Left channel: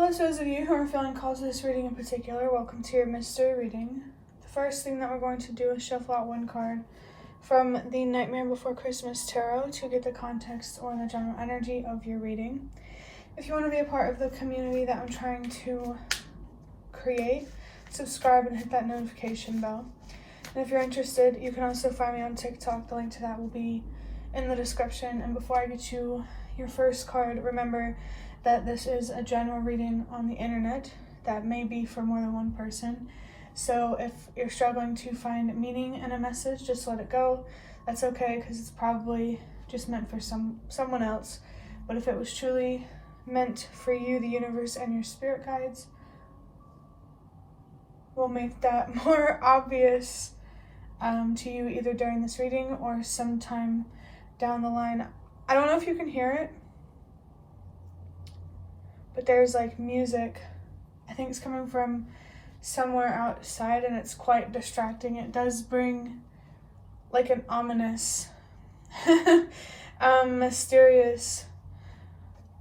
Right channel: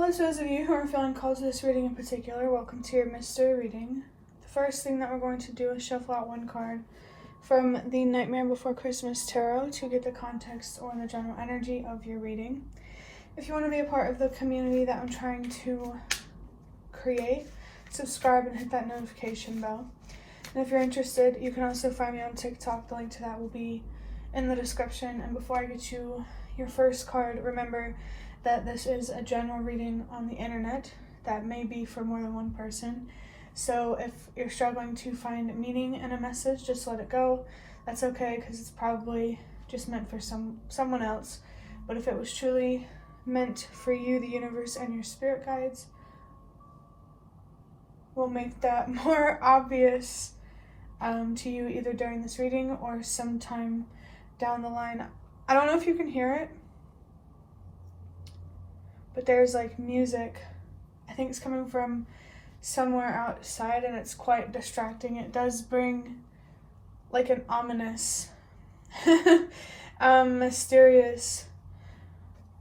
Hello to those of you who are feeling called to this reading in particular. Welcome to your mystery reading. The first thing that we're going to do is shuffle out one card from the Nightmare Before Christmas Tarot to get the context or the general energy of your reading. If you want to be a part of the community that I'm trying to create, subscribe and hit that notification bell. And if you're interested, you can also find me on TikTok. The link to that will be in the description. And before I get you your first card, remember that this is a general reading on the internet that may be for more than one person. So if you're struggling to find meaning in a message, just let it go. That's okay, because it's probably just meant for someone else. But if it was truly meant for you, the universe and your spirit guides will make that more obvious to you either during this reading or sometime down the line. I don't know if you can hear it, but there's like music. I think it's coming from somewhere outside and it's quite distracting. It does bring like an ominous, mysterious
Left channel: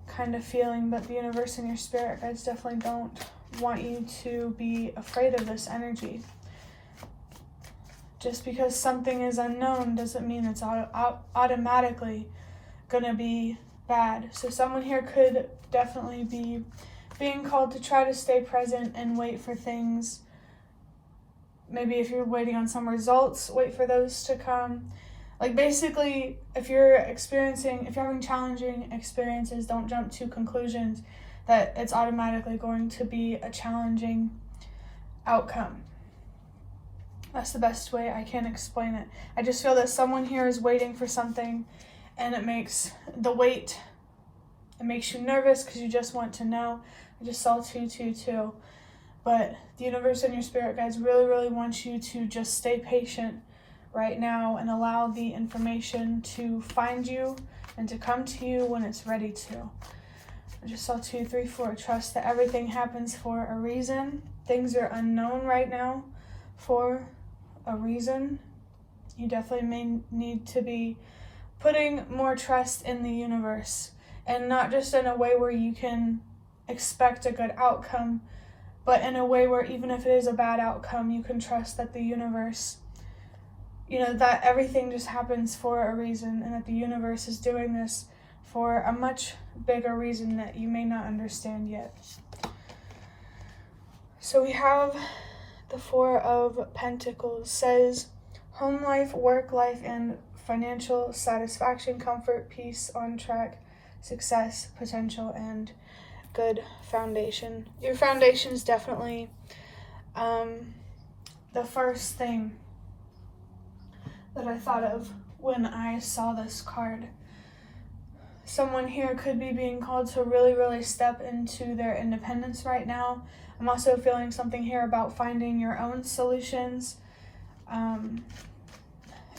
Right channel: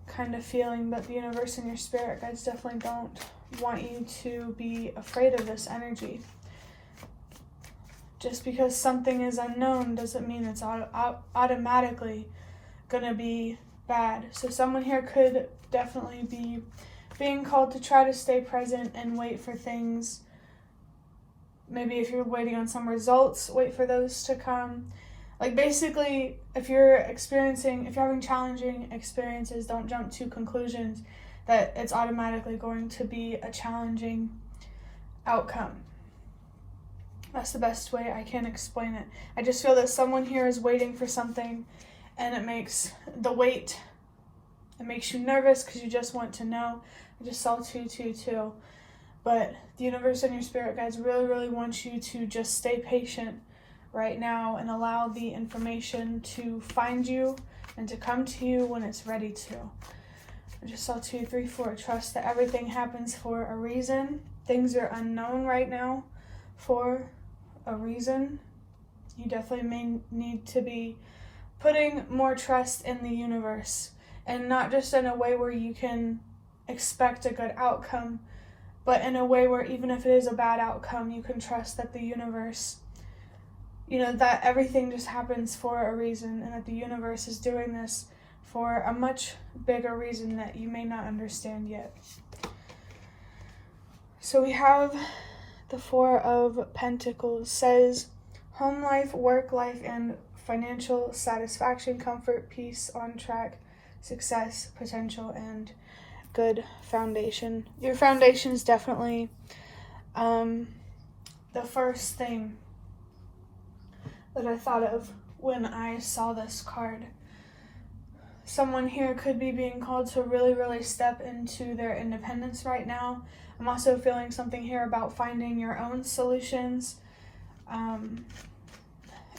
kind of feeling, but the universe and your spirit guides definitely don't want you to be afraid of this energy. Just because something is unknown doesn't mean it's automatically gonna be bad. So someone here could definitely be being called to try to stay present and wait for things. Maybe if you're waiting on some results, wait for those to come. Like basically, if you're having challenging experiences, don't jump to conclusions that it's automatically going to be a challenging outcome. That's the best way I can explain it. I just feel that someone here is waiting for something, and it makes you nervous because you just want to know. I just saw 222. But the universe and your spirit guides really want you to just stay patient right now and allow the information to find you and to come to you when it's ready to. I just saw 2, 3, 4. Trust that everything happens for a reason. Things are unknown right now for a reason. You definitely may need to be putting more trust in the universe, and not just in a way where you can expect a good outcome, but in a way where even if it is a bad outcome, you can trust that the universe, that everything just happens for a reason, and that the universe is doing this for a much bigger reason that you may not understand yet. So we have the 4 of Pentacles. Says home life, work life, and financial satisfaction, comfort, peace, on track, success, potential, and good foundation. Your foundation is definitely the first thing that I thought of when I saw this card. Someone here could be being called to really step into their independence right now. I'm also feeling something here about finding your own solutions.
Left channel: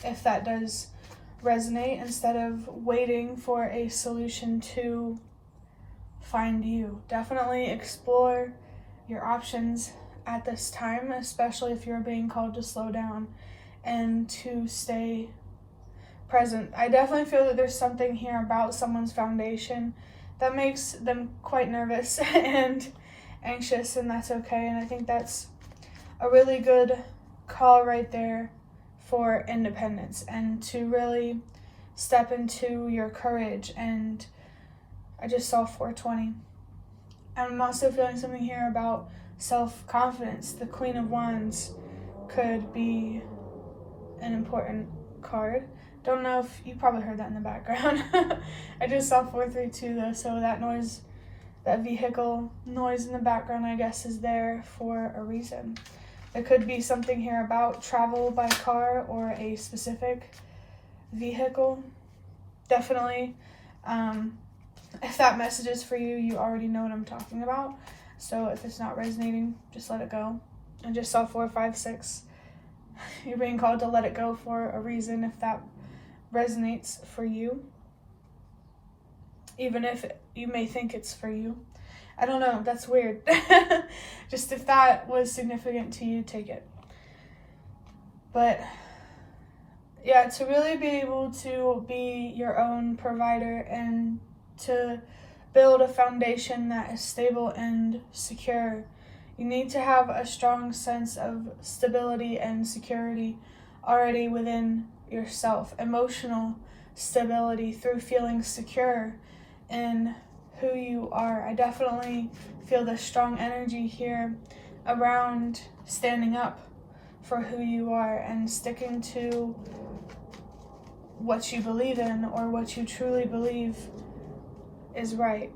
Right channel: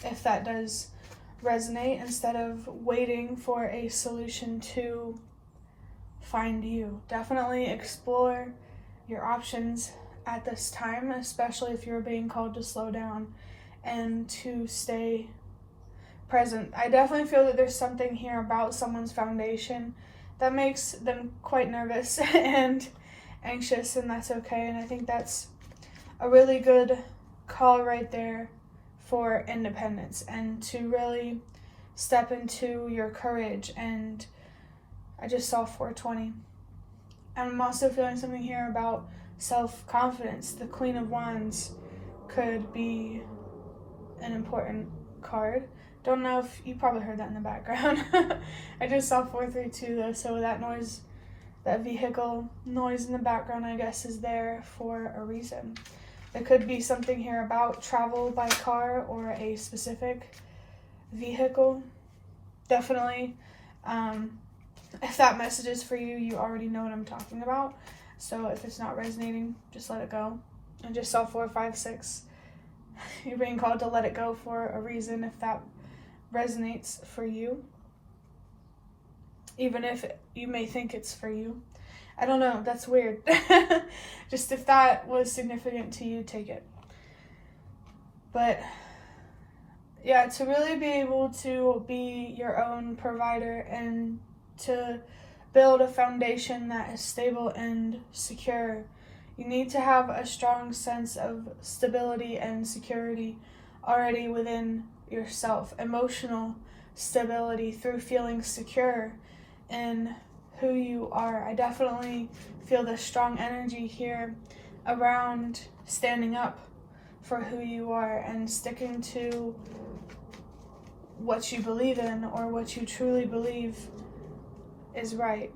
If that does resonate, instead of waiting for a solution to find you. Definitely explore your options at this time, especially if you're being called to slow down and to stay present. I definitely feel that there's something here about someone's foundation that makes them quite nervous and anxious, and that's okay. And I think that's a really good call right there for independence and to really step into your courage. And I just saw 420. I'm also feeling something here about self-confidence. The Queen of Wands could be an important card. Don't know if you probably heard that in the background. I just saw 432 though, so that vehicle noise in the background, I guess, is there for a reason. There could be something here about travel by car or a specific vehicle. Definitely, if that message is for you, you already know what I'm talking about. So if it's not resonating, just let it go. I just saw 4, 5, 6. You're being called to let it go for a reason if that resonates for you. Even if you may think it's for you. I don't know, that's weird. Just if that was significant to you, take it. But yeah, to really be able to be your own provider and to build a foundation that is stable and secure. You need to have a strong sense of stability and security already within yourself. Emotional stability through feeling secure in who you are. I definitely feel the strong energy here around standing up for who you are and sticking to what you believe in or what you truly believe is right.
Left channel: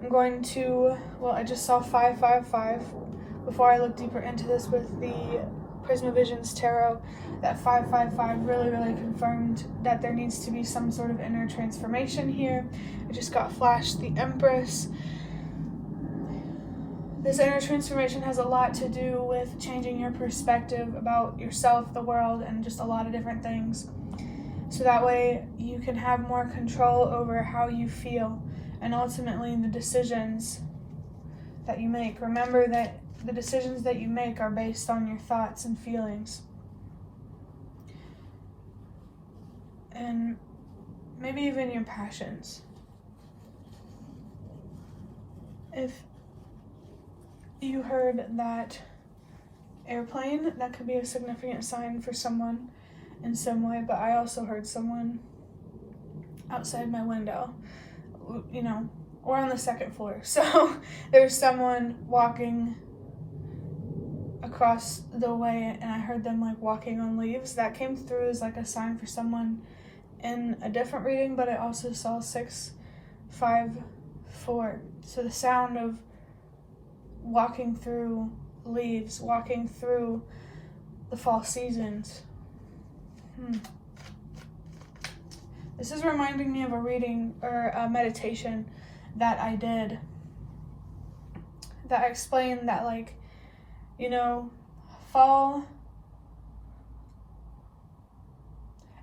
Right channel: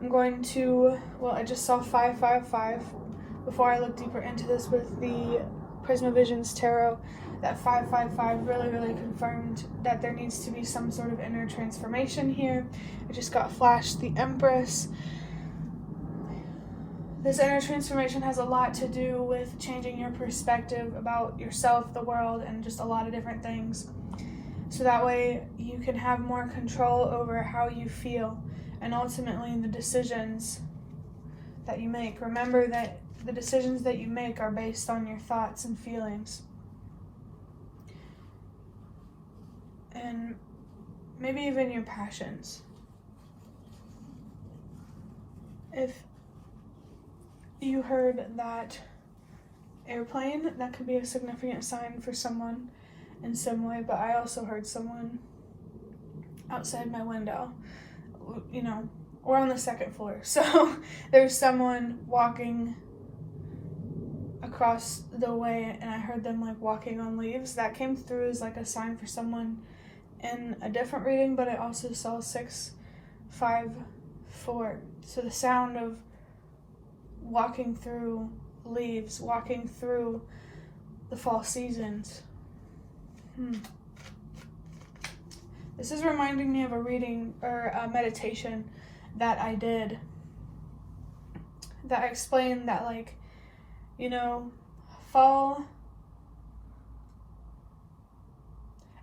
I'm going to, I just saw 555 before I looked deeper into this with the Prism of Visions Tarot. That 555 really confirmed that there needs to be some sort of inner transformation here. I just got flashed the Empress. This inner transformation has a lot to do with changing your perspective about yourself, the world, and just a lot of different things. So that way you can have more control over how you feel and ultimately the decisions that you make. Remember that the decisions that you make are based on your thoughts and feelings. And maybe even your passions. If you heard that airplane, that could be a significant sign for someone in some way, but I also heard someone outside my window. You know, we're on the second floor, so there's someone walking across the way, and I heard them like walking on leaves. That came through as like a sign for someone in a different reading, but I also saw 654. So the sound of walking through leaves, walking through the fall seasons. This is reminding me of a reading or a meditation that I did that explained that, like, you know, fall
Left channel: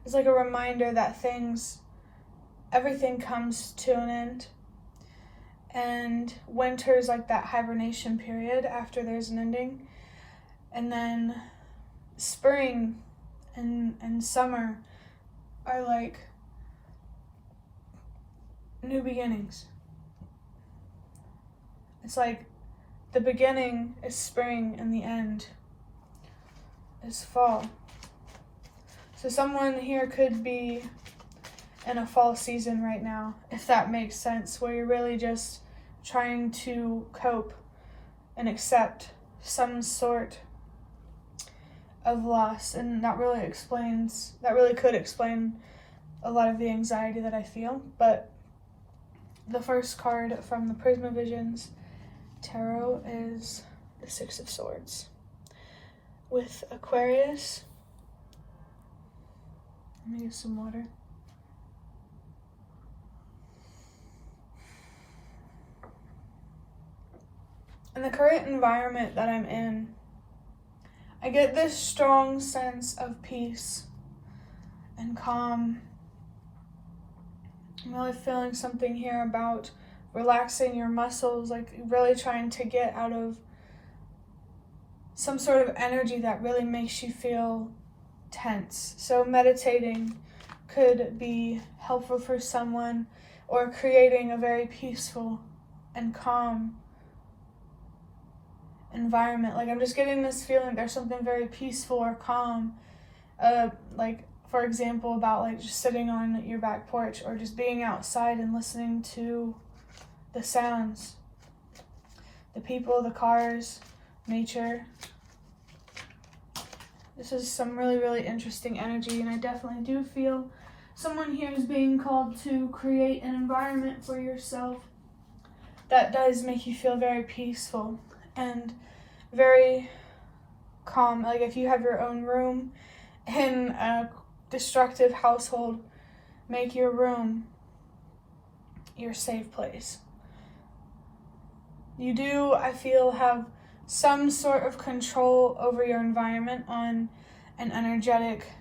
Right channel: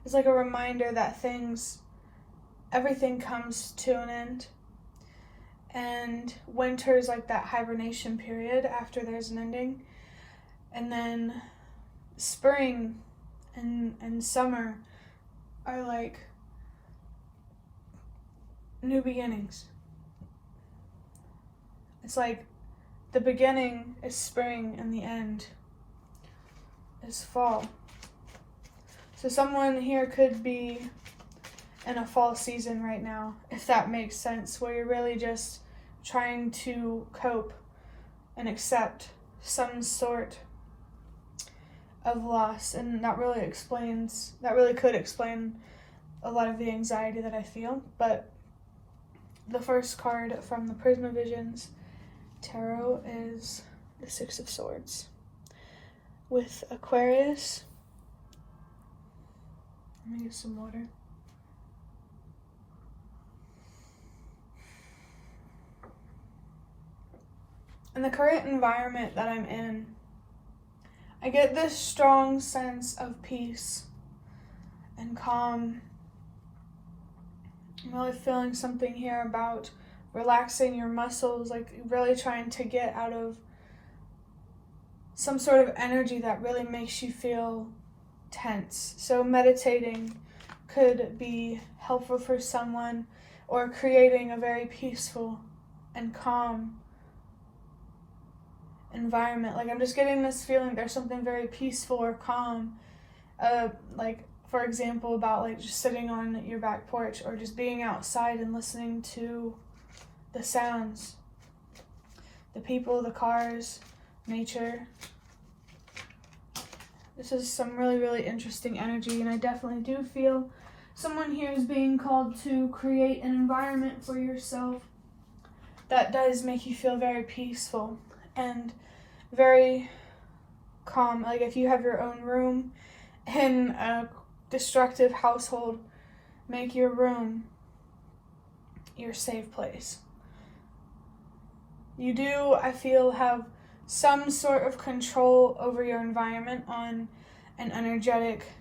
is like a reminder that everything comes to an end. And winter is like that hibernation period after there's an ending. And then spring and summer are like new beginnings. It's like the beginning is spring and the end is fall. So someone here could be in a fall season right now, if that makes sense, where you're really just trying to cope and accept some sort of loss. And that really could explain a lot of the anxiety that I feel. But the first card from the Prism of Visions Tarot is the Six of Swords with Aquarius. Let me get some water. In the current environment that I'm in, I get this strong sense of peace and calm. I'm really feeling something here about relaxing your muscles, like really trying to get out of some sort of energy that really makes you feel tense. So meditating could be helpful for someone, or creating a very peaceful and calm environment. Like, I'm just getting this feeling there's something very peaceful or calm, like, for example, about like just sitting on your back porch or just being outside and listening to the sounds, the people, the cars, nature. This is some really interesting energy, and I definitely do feel someone here is being called to create an environment for yourself that does make you feel very peaceful and very calm. Like, if you have your own room in a destructive household, make your room your safe place. You do, I feel, have some sort of control over your environment on an energetic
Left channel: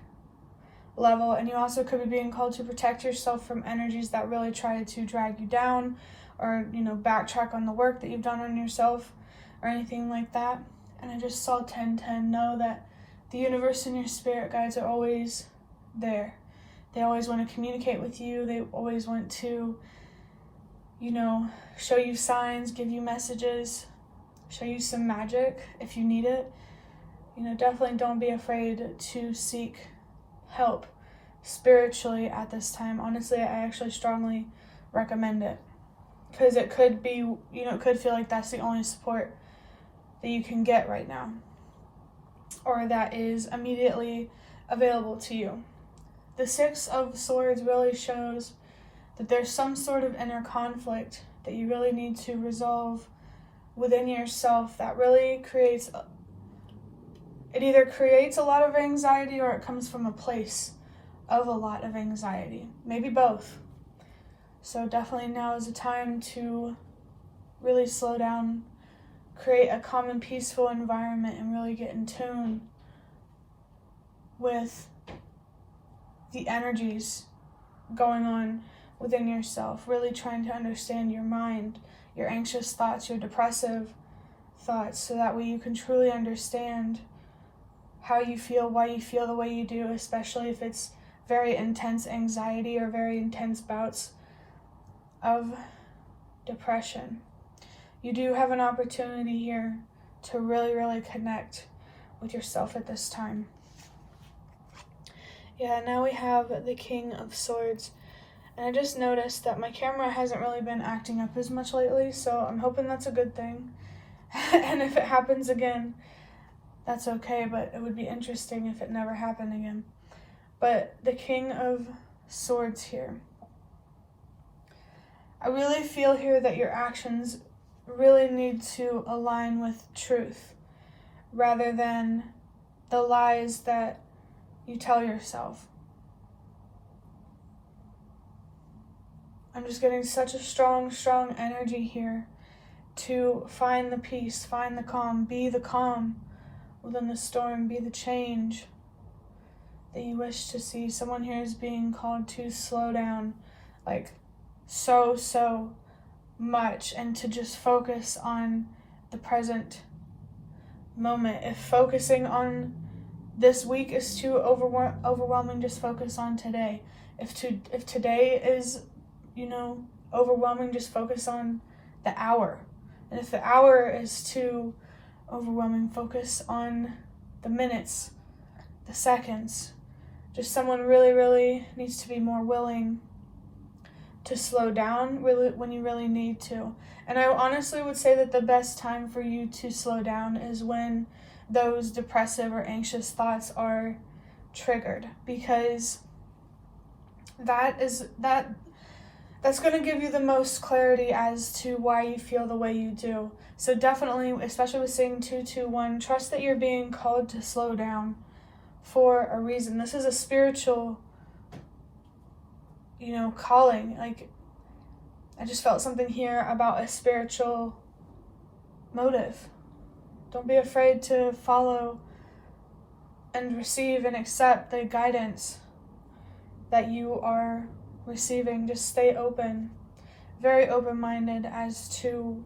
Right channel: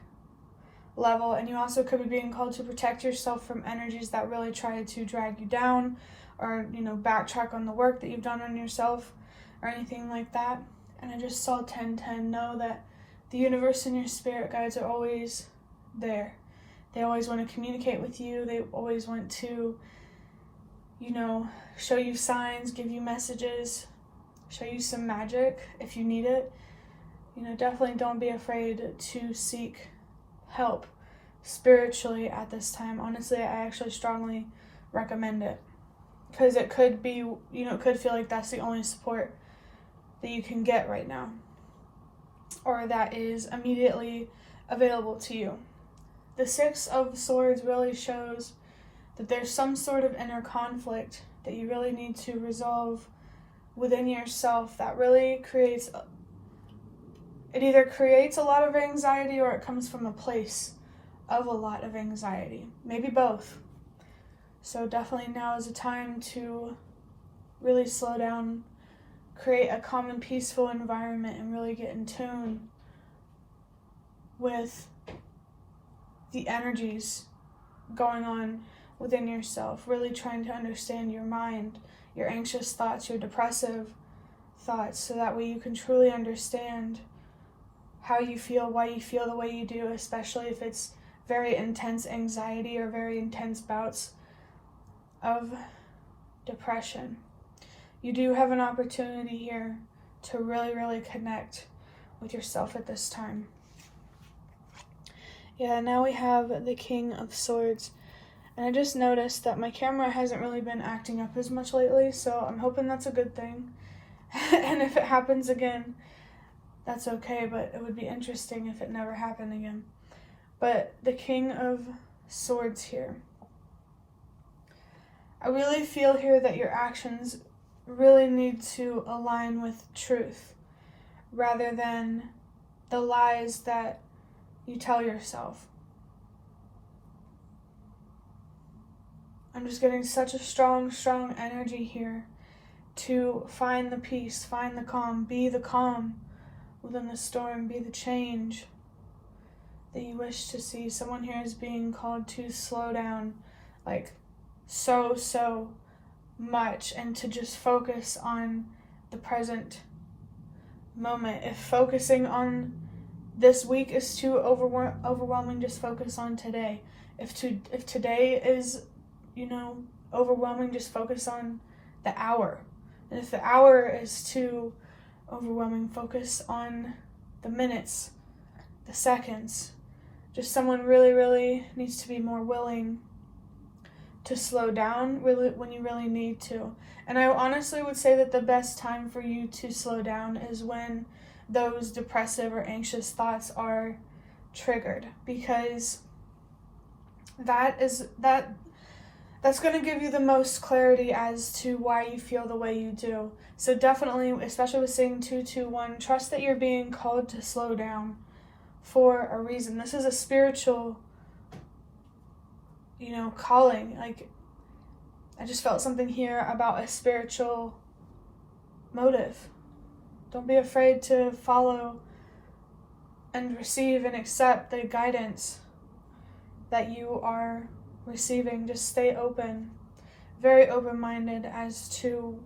level, and you also could be being called to protect yourself from energies that really try to drag you down, or, you know, backtrack on the work that you've done on yourself or anything like that. And I just saw 1010. Know that the universe and your spirit guides are always there. They always want to communicate with you. They always want to, show you signs, give you messages, show you some magic if you need it. Definitely don't be afraid to seek help spiritually at this time. Honestly, I actually strongly recommend it, because it could be, it could feel like that's the only support that you can get right now, or that is immediately available to you. The Six of Swords really shows that there's some sort of inner conflict that you really need to resolve within yourself that really it either creates a lot of anxiety or it comes from a place of a lot of anxiety. Maybe both. So definitely now is a time to really slow down, create a calm and peaceful environment, and really get in tune with the energies going on within yourself. Really trying to understand your mind, your anxious thoughts, your depressive thoughts, so that way you can truly understand how you feel, why you feel the way you do, especially if it's very intense anxiety or very intense bouts of depression. You do have an opportunity here to really, really connect with yourself at this time. Yeah, now we have the King of Swords. And I just noticed that my camera hasn't really been acting up as much lately, so I'm hoping that's a good thing. And if it happens again, that's okay, but it would be interesting if it never happened again. But the King of Swords here. I really feel here that your actions really need to align with truth, rather than the lies that you tell yourself. I'm just getting such a strong energy here to find the peace, find the calm, be the calm within the storm, be the change that you wish to see. Someone here is being called to slow down, like so much, and to just focus on the present moment. If focusing on this week is too overwhelming, just focus on today. If today is, overwhelming, just focus on the hour. And if the hour is too overwhelming, focus on the minutes, the seconds. Just someone really needs to be more willing to slow down really when you really need to. And I honestly would say that the best time for you to slow down is when those depressive or anxious thoughts are triggered, because that's going to give you the most clarity as to why you feel the way you do. So definitely, especially with saying 221, trust that you're being called to slow down for a reason. This is a spiritual, calling. Like, I just felt something here about a spiritual motive. Don't be afraid to follow and receive and accept the guidance that you are receiving. Just stay open, very open-minded as to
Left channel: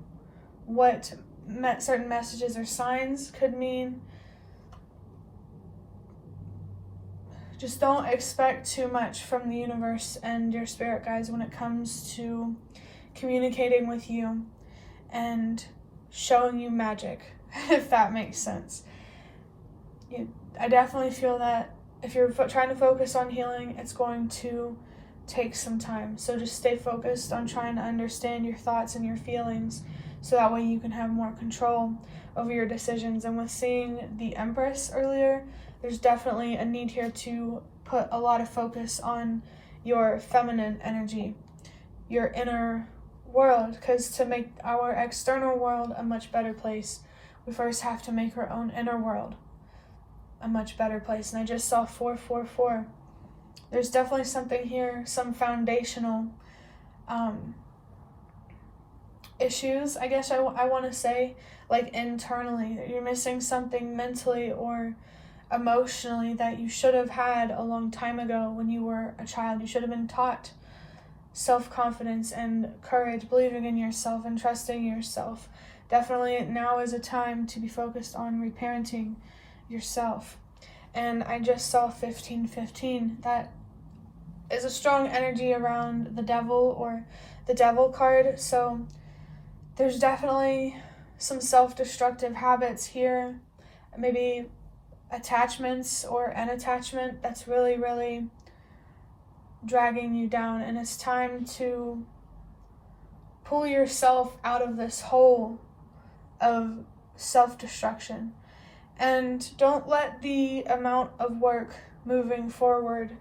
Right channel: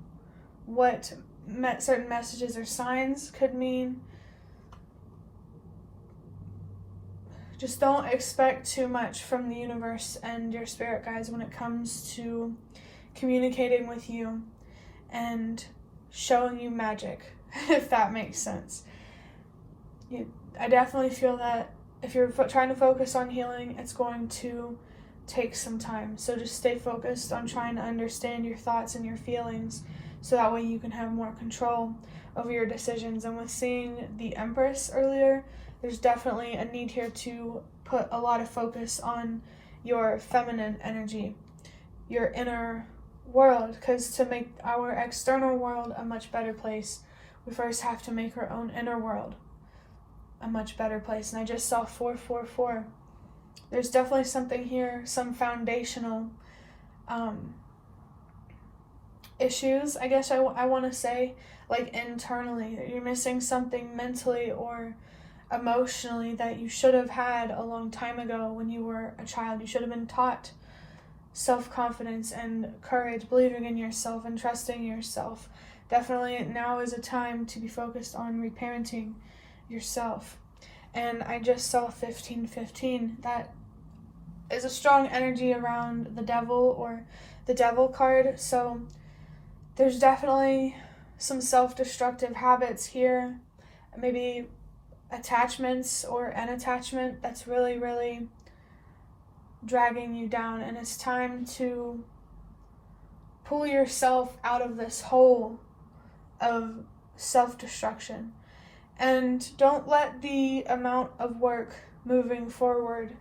what certain messages or signs could mean. Just don't expect too much from the universe and your spirit guides when it comes to communicating with you and showing you magic, if that makes sense. I definitely feel that if you're trying to focus on healing, it's going to take some time. So just stay focused on trying to understand your thoughts and your feelings, so that way you can have more control over your decisions. And with seeing the Empress earlier, there's definitely a need here to put a lot of focus on your feminine energy, your inner world, because to make our external world a much better place, we first have to make our own inner world a much better place. And I just saw 444. There's definitely something here, some foundational issues, I guess I want to say, like internally, that you're missing something mentally or emotionally that you should have had a long time ago when you were a child. You should have been taught self-confidence and courage, believing in yourself and trusting yourself. Definitely now is a time to be focused on reparenting yourself. And I just saw 1515. That is a strong energy around the devil or the devil card. So there's definitely some self-destructive habits here, maybe attachments or an attachment that's really, really dragging you down. And it's time to pull yourself out of this hole of self-destruction. And don't let the amount of work moving forward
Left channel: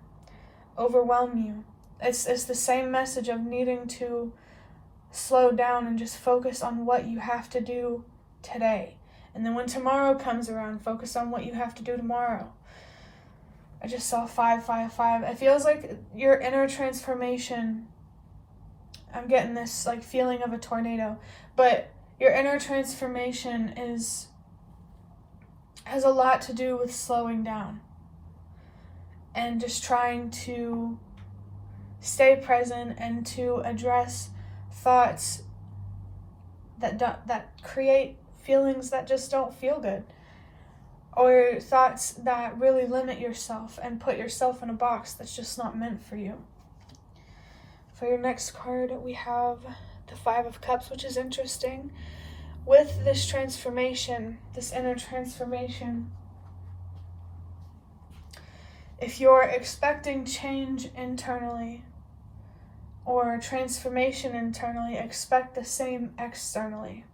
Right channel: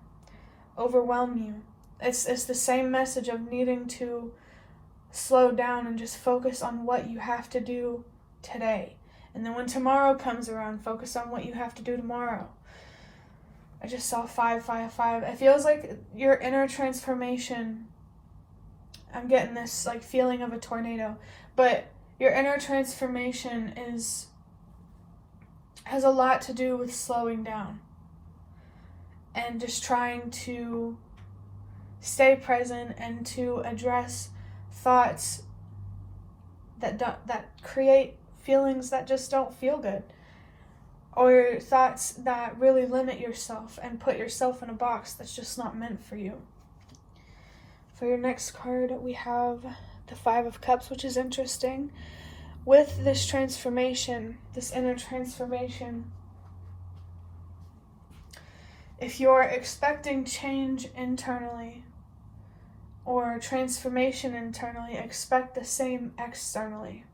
overwhelm you. It's the same message of needing to slow down and just focus on what you have to do today. And then when tomorrow comes around, focus on what you have to do tomorrow. I just saw 5, 5, 5. It feels like your inner transformation, I'm getting this like feeling of a tornado, but your inner transformation has a lot to do with slowing down and just trying to stay present and to address thoughts that create feelings that just don't feel good, or thoughts that really limit yourself and put yourself in a box that's just not meant for you. For your next card, we have the 5 of Cups, which is interesting. With this transformation, this inner transformation, if you're expecting change internally or transformation internally, expect the same externally.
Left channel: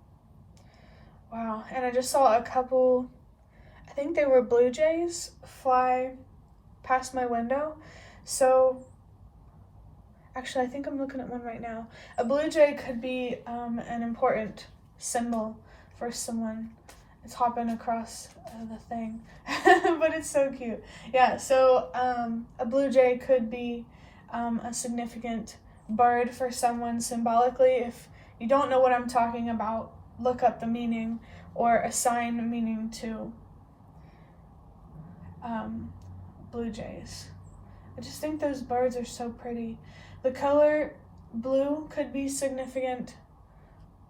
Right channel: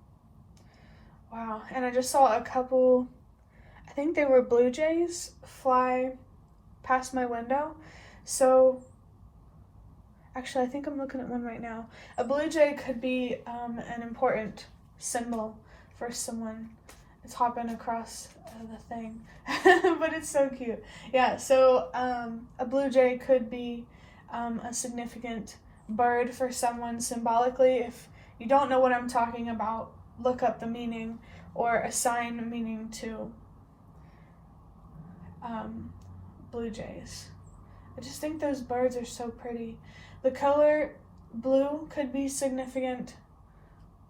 Wow. And I just saw a couple, I think they were blue jays, fly past my window. So actually, I think I'm looking at one right now. A blue jay could be an important symbol for someone. It's hopping across the thing, but it's so cute. Yeah, so a blue jay could be a significant bird for someone symbolically. If you don't know what I'm talking about, look up the meaning or assign meaning to blue jays. I just think those birds are so pretty. The color blue could be significant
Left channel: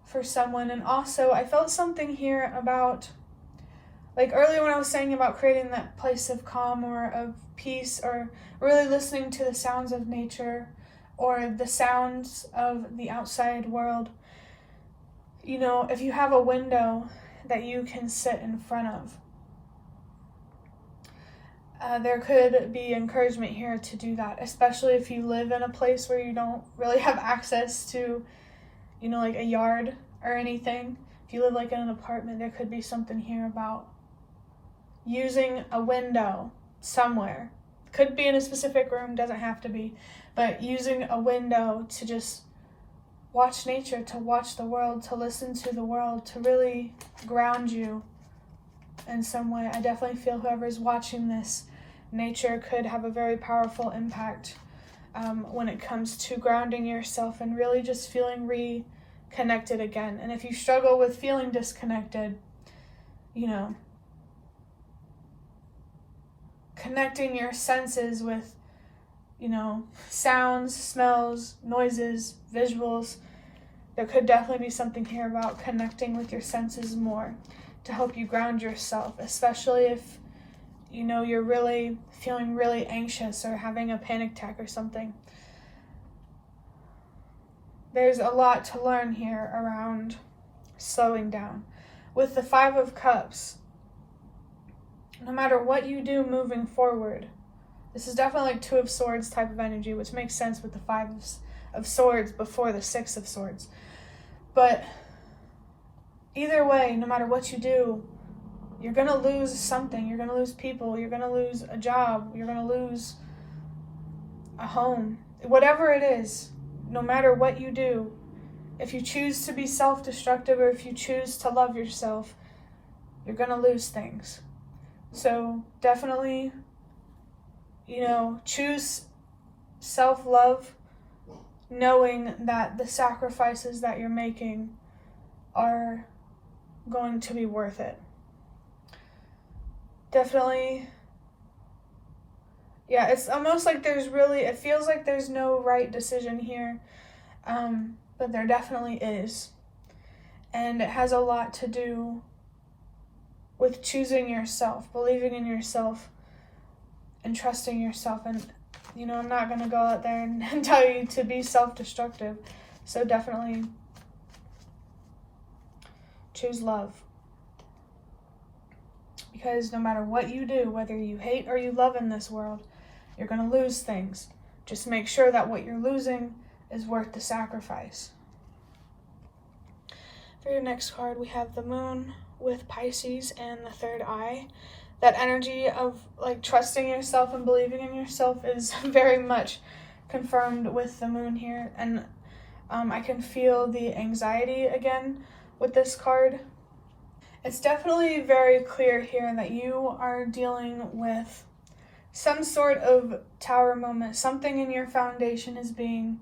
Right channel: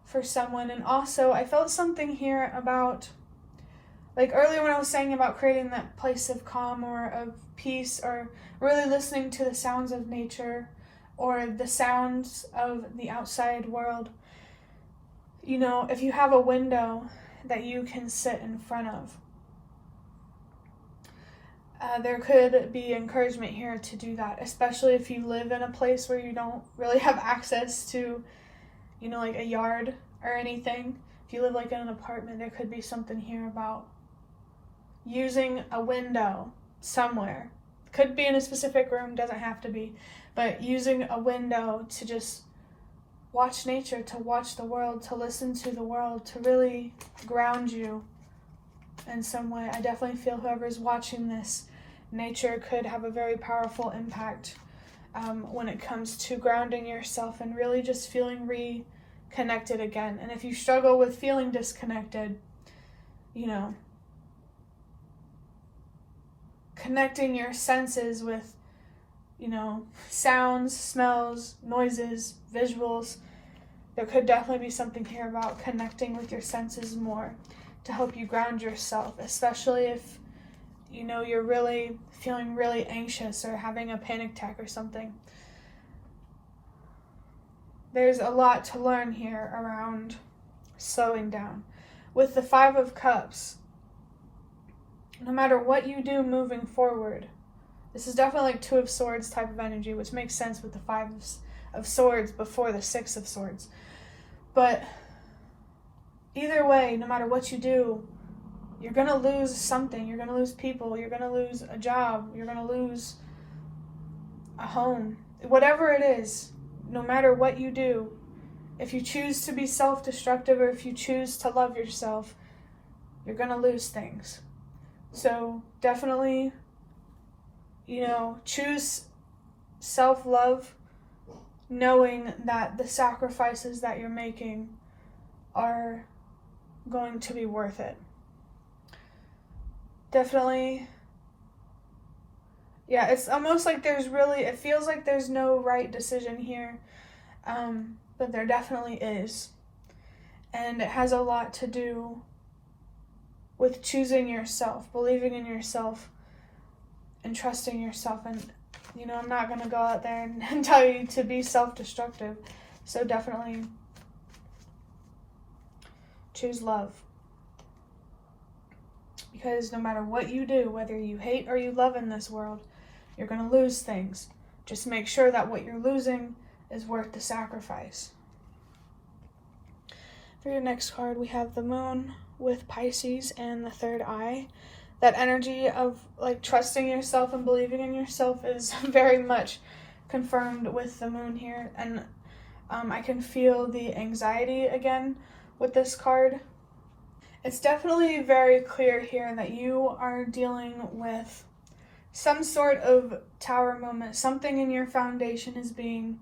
for someone. And also, I felt something here about, like earlier when I was saying about creating that place of calm or of peace, or really listening to the sounds of nature or the sounds of the outside world. You know, if you have a window that you can sit in front of, there could be encouragement here to do that, especially if you live in a place where you don't really have access to, you know, like a yard or anything. If you live like in an apartment, there could be something here about using a window somewhere. Could be in a specific room, doesn't have to be, but using a window to just watch nature, to watch the world, to listen to the world, to really ground you in some way. I definitely feel whoever's watching this, nature could have a very powerful impact when it comes to grounding yourself and really just feeling reconnected again. And if you struggle with feeling disconnected, you know, connecting your senses with, you know, sounds, smells, noises, visuals, there could definitely be something here about connecting with your senses more to help you ground yourself, especially if, you know, you're really feeling really anxious or having a panic attack or something. There's a lot to learn here around slowing down. With the 5 of Cups, no matter what you do moving forward, this is definitely like 2 of Swords type of energy, which makes sense with the 5 of Swords before the 6 of Swords. But either way, no matter what you do, you're going to lose something. You're going to lose people. You're going to lose a job. You're going to lose a home. Whatever it is, no matter what you do, if you choose to be self-destructive or if you choose to love yourself, you're going to lose things. So definitely, you know, choose self-love, knowing that the sacrifices that you're making are going to be worth it. Definitely, yeah, it's almost like it feels like there's no right decision here, but there definitely is. And it has a lot to do with choosing yourself, believing in yourself, and trusting yourself. And You know, I'm not going to go out there and tell you to be self-destructive. So definitely choose love. Because no matter what you do, whether you hate or you love in this world, you're going to lose things. Just make sure that what you're losing is worth the sacrifice. For your next card, we have the Moon with Pisces and the third eye. That energy of like trusting yourself and believing in yourself is very much confirmed with the Moon here. And I can feel the anxiety again with this card. It's definitely very clear here that you are dealing with some sort of tower moment. Something in your foundation is being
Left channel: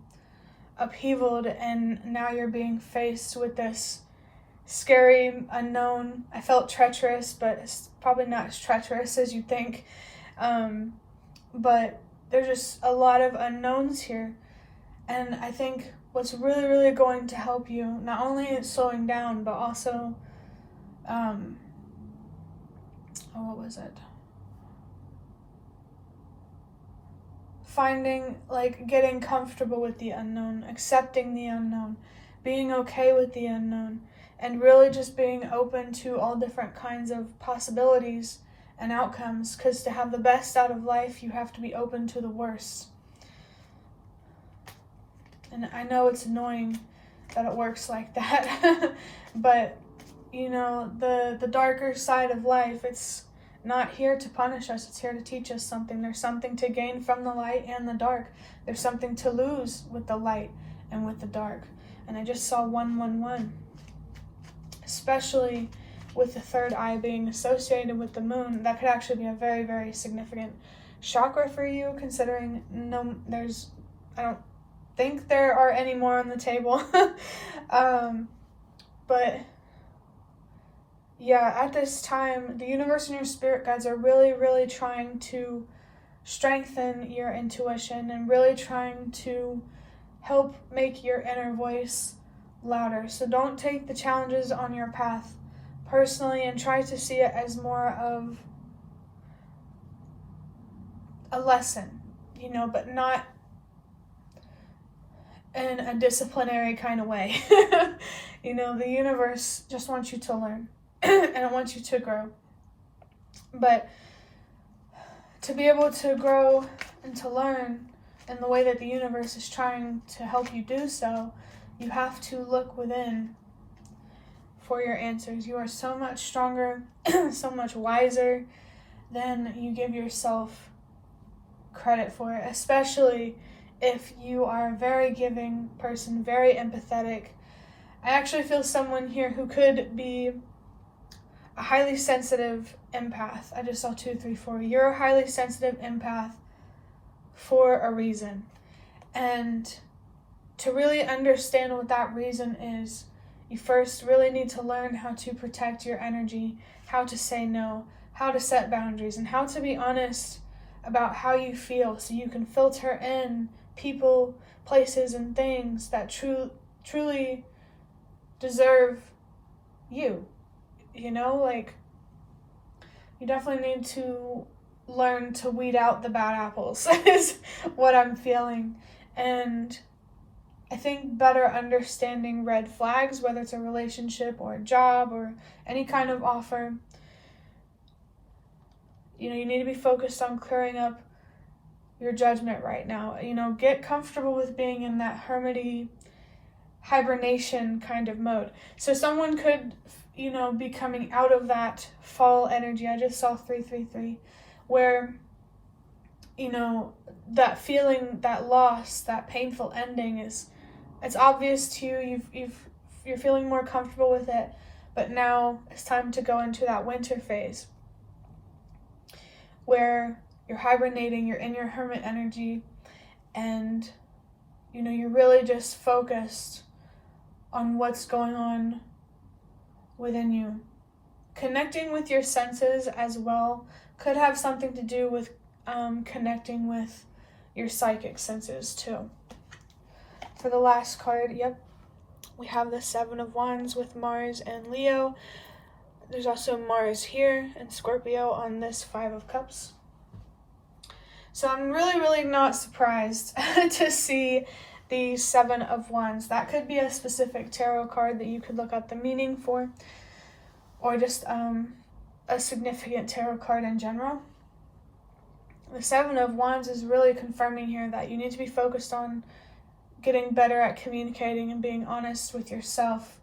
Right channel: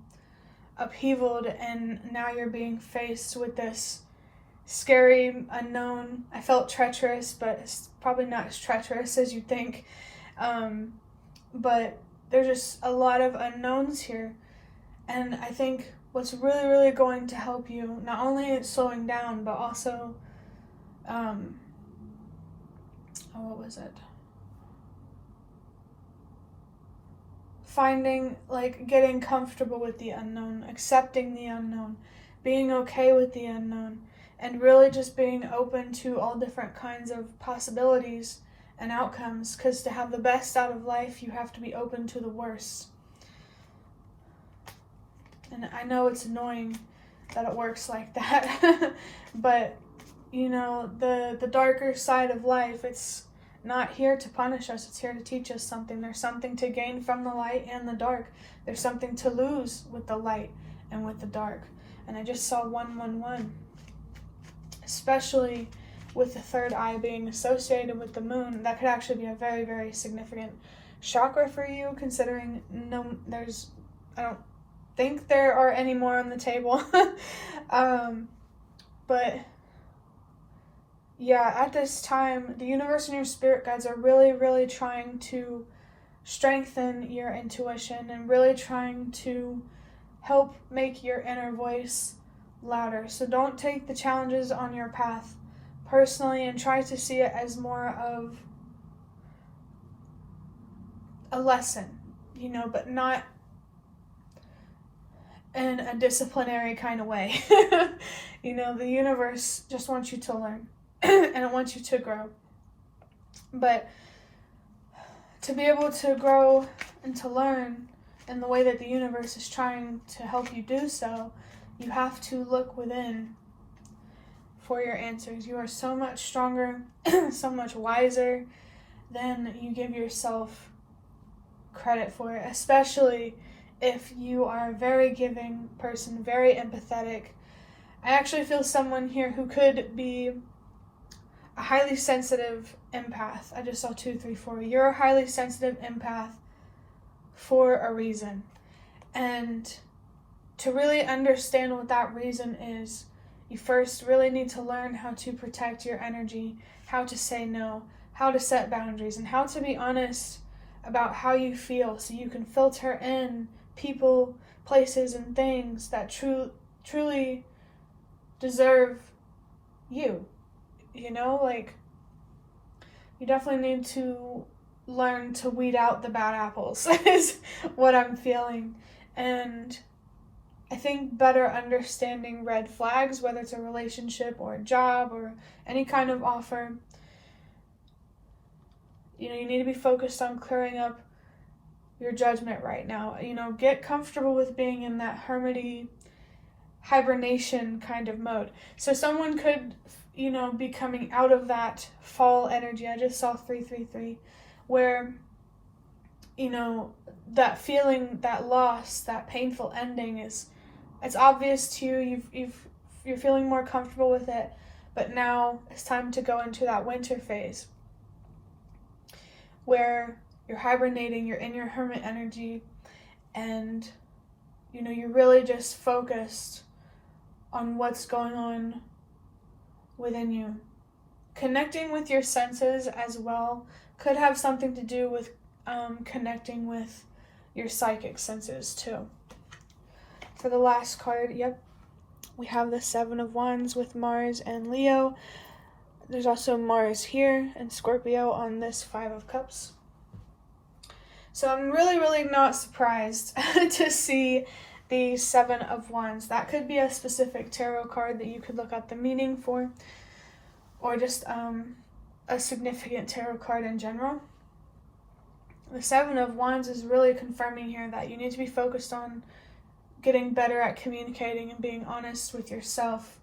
upheavaled, and now you're being faced with this scary unknown. I felt treacherous, but it's probably not as treacherous as you think. But there's just a lot of unknowns here. And I think what's really, really going to help you, not only slowing down, but also, what was it? Finding, like, getting comfortable with the unknown, accepting the unknown, being okay with the unknown, and really just being open to all different kinds of possibilities and outcomes, because to have the best out of life, you have to be open to the worst. And I know it's annoying that it works like that, but, you know, the darker side of life, it's not here to punish us, it's here to teach us something. There's something to gain from the light and the dark. There's something to lose with the light and with the dark. And I just saw 111. Especially with the third eye being associated with the Moon, that could actually be a very, very significant chakra for you, considering I don't think there are any more on the table. But yeah, at this time, the universe and your spirit guides are really, really trying to strengthen your intuition and really trying to help make your inner voice louder. So don't take the challenges on your path personally, and try to see it as more of a lesson, you know, but not in a disciplinary kind of way. You know, the universe just wants you to learn and it wants you to grow. But to be able to grow and to learn in the way that the universe is trying to help you do so, you have to look within for your answers. You are so much stronger, so much wiser than you give yourself credit for, especially if you are a very giving person, very empathetic. I actually feel someone here who could be a highly sensitive empath. I just saw 2, 3, 4. You're a highly sensitive empath for a reason. And to really understand what that reason is, you first really need to learn how to protect your energy, how to say no, how to set boundaries, and how to be honest about how you feel so you can filter in people, places, and things that truly deserve you. You know, like, you definitely need to learn to weed out the bad apples is what I'm feeling. And I think better understanding red flags, whether it's a relationship or a job or any kind of offer, you know, you need to be focused on clearing up your judgment right now. You know, get comfortable with being in that hermity hibernation kind of mode. So someone could, you know, be coming out of that fall energy. I just saw 333, where, you know, that feeling, that loss, that painful ending it's obvious to you. You're feeling more comfortable with it, but now it's time to go into that winter phase where you're hibernating, you're in your hermit energy, and, you know, you're really just focused on what's going on within you. Connecting with your senses as well could have something to do with connecting with your psychic senses too. For the last card, we have the 7 of Wands with Mars and Leo. There's also Mars here and Scorpio on this 5 of Cups. So I'm really not surprised to see the Seven of Wands. That could be a specific tarot card that you could look up the meaning for, or just a significant tarot card in general. The Seven of Wands is really confirming here that you need to be focused on getting better at communicating and being honest with yourself.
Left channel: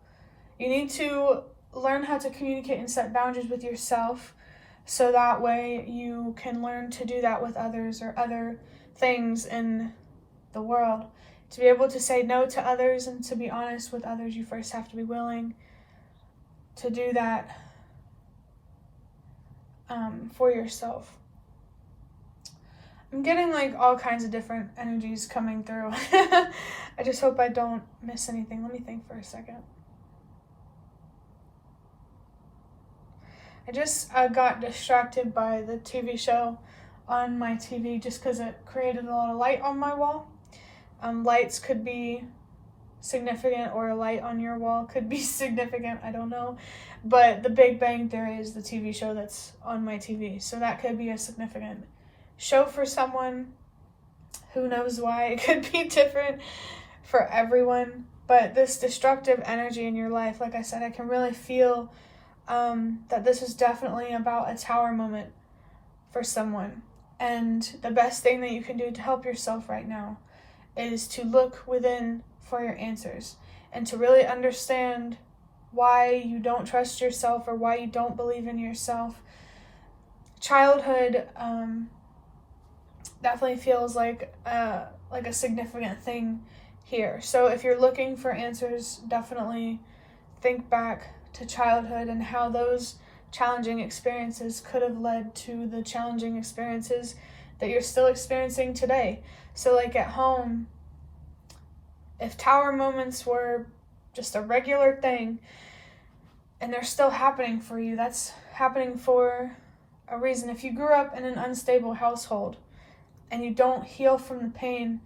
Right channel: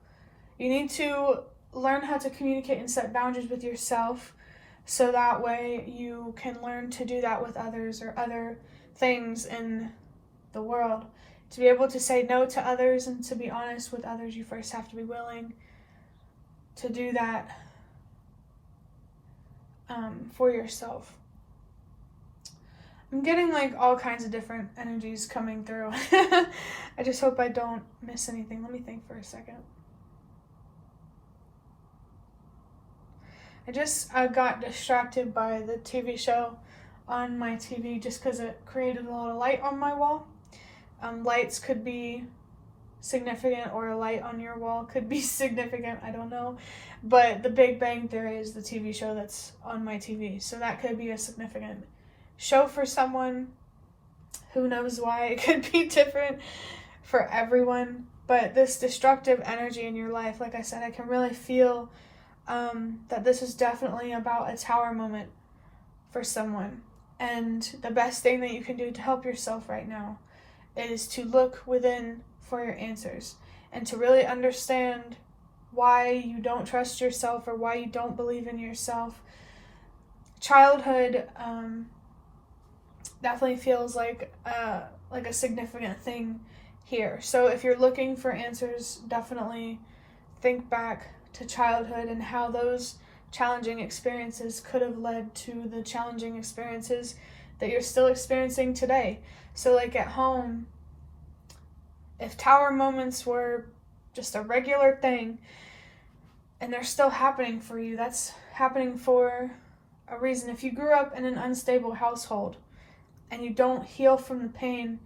You need to learn how to communicate and set boundaries with yourself, so that way you can learn to do that with others or other things in the world. To be able to say no to others and to be honest with others, you first have to be willing to do that for yourself. I'm getting like all kinds of different energies coming through. I just hope I don't miss anything. Let me think for a second. I just got distracted by the TV show on my TV just because it created a lot of light on my wall. Lights could be significant, or a light on your wall could be significant, I don't know. But The Big Bang Theory is the TV show that's on my TV, so that could be a significant show for someone. Who knows why? It could be different for everyone. But this destructive energy in your life, like I said, I can really feel that this is definitely about a tower moment for someone. And the best thing that you can do to help yourself right now is to look within for your answers and to really understand why you don't trust yourself or why you don't believe in yourself. Childhood definitely feels like a significant thing here. So if you're looking for answers, definitely think back to childhood and how those challenging experiences could have led to the challenging experiences that you're still experiencing today. So like at home, if tower moments were just a regular thing and they're still happening for you, that's happening for a reason. If you grew up in an unstable household and you don't heal from the pain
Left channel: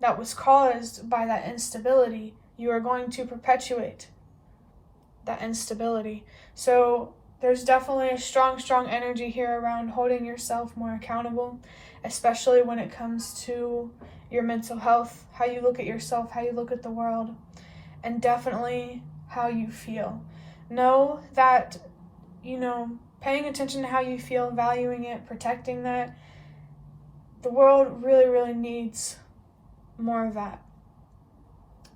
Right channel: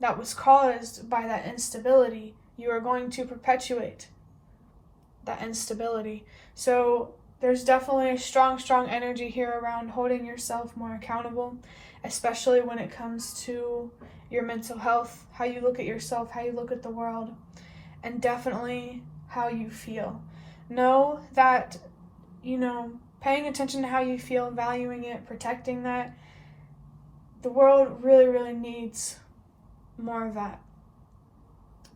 that was caused by that instability, you are going to perpetuate that instability. So there's definitely a strong energy here around holding yourself more accountable, especially when it comes to your mental health, how you look at yourself, how you look at the world, and definitely how you feel. Know that, paying attention to how you feel, valuing it, protecting that, the world really needs more of that.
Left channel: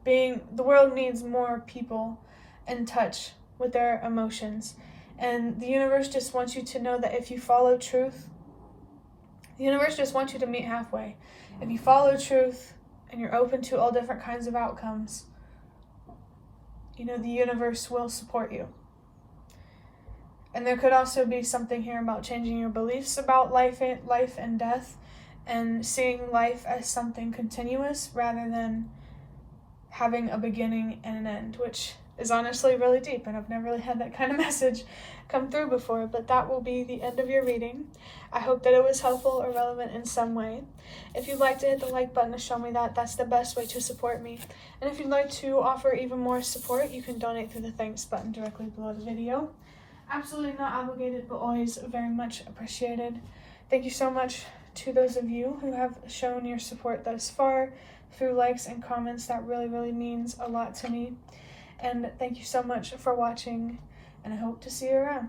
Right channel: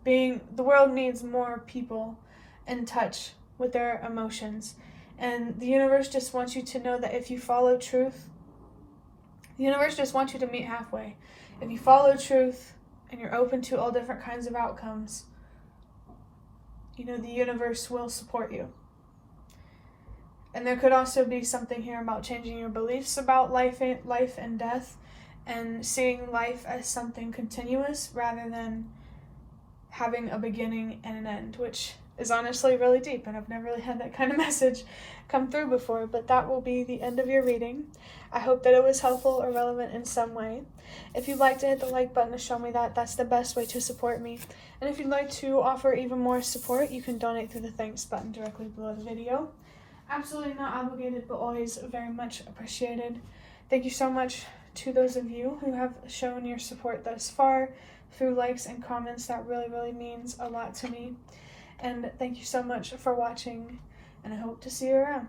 The world needs more people in touch with their emotions. And the universe just wants you to know that if you follow truth, the universe just wants you to meet halfway. If you follow truth and you're open to all different kinds of outcomes, the universe will support you. And there could also be something here about changing your beliefs about life and death, and seeing life as something continuous rather than having a beginning and an end, which is honestly really deep, and I've never really had that kind of message come through before. But that will be the end of your reading. I hope that it was helpful or relevant in some way. If you'd like to hit the like button to show me that, that's the best way to support me. And if you'd like to offer even more support, you can donate through the thanks button directly below the video. Absolutely not obligated, but always very much appreciated. Thank you so much to those of you who have shown your support thus far through likes and comments. That really means a lot to me. And thank you so much for watching, and I hope to see you around.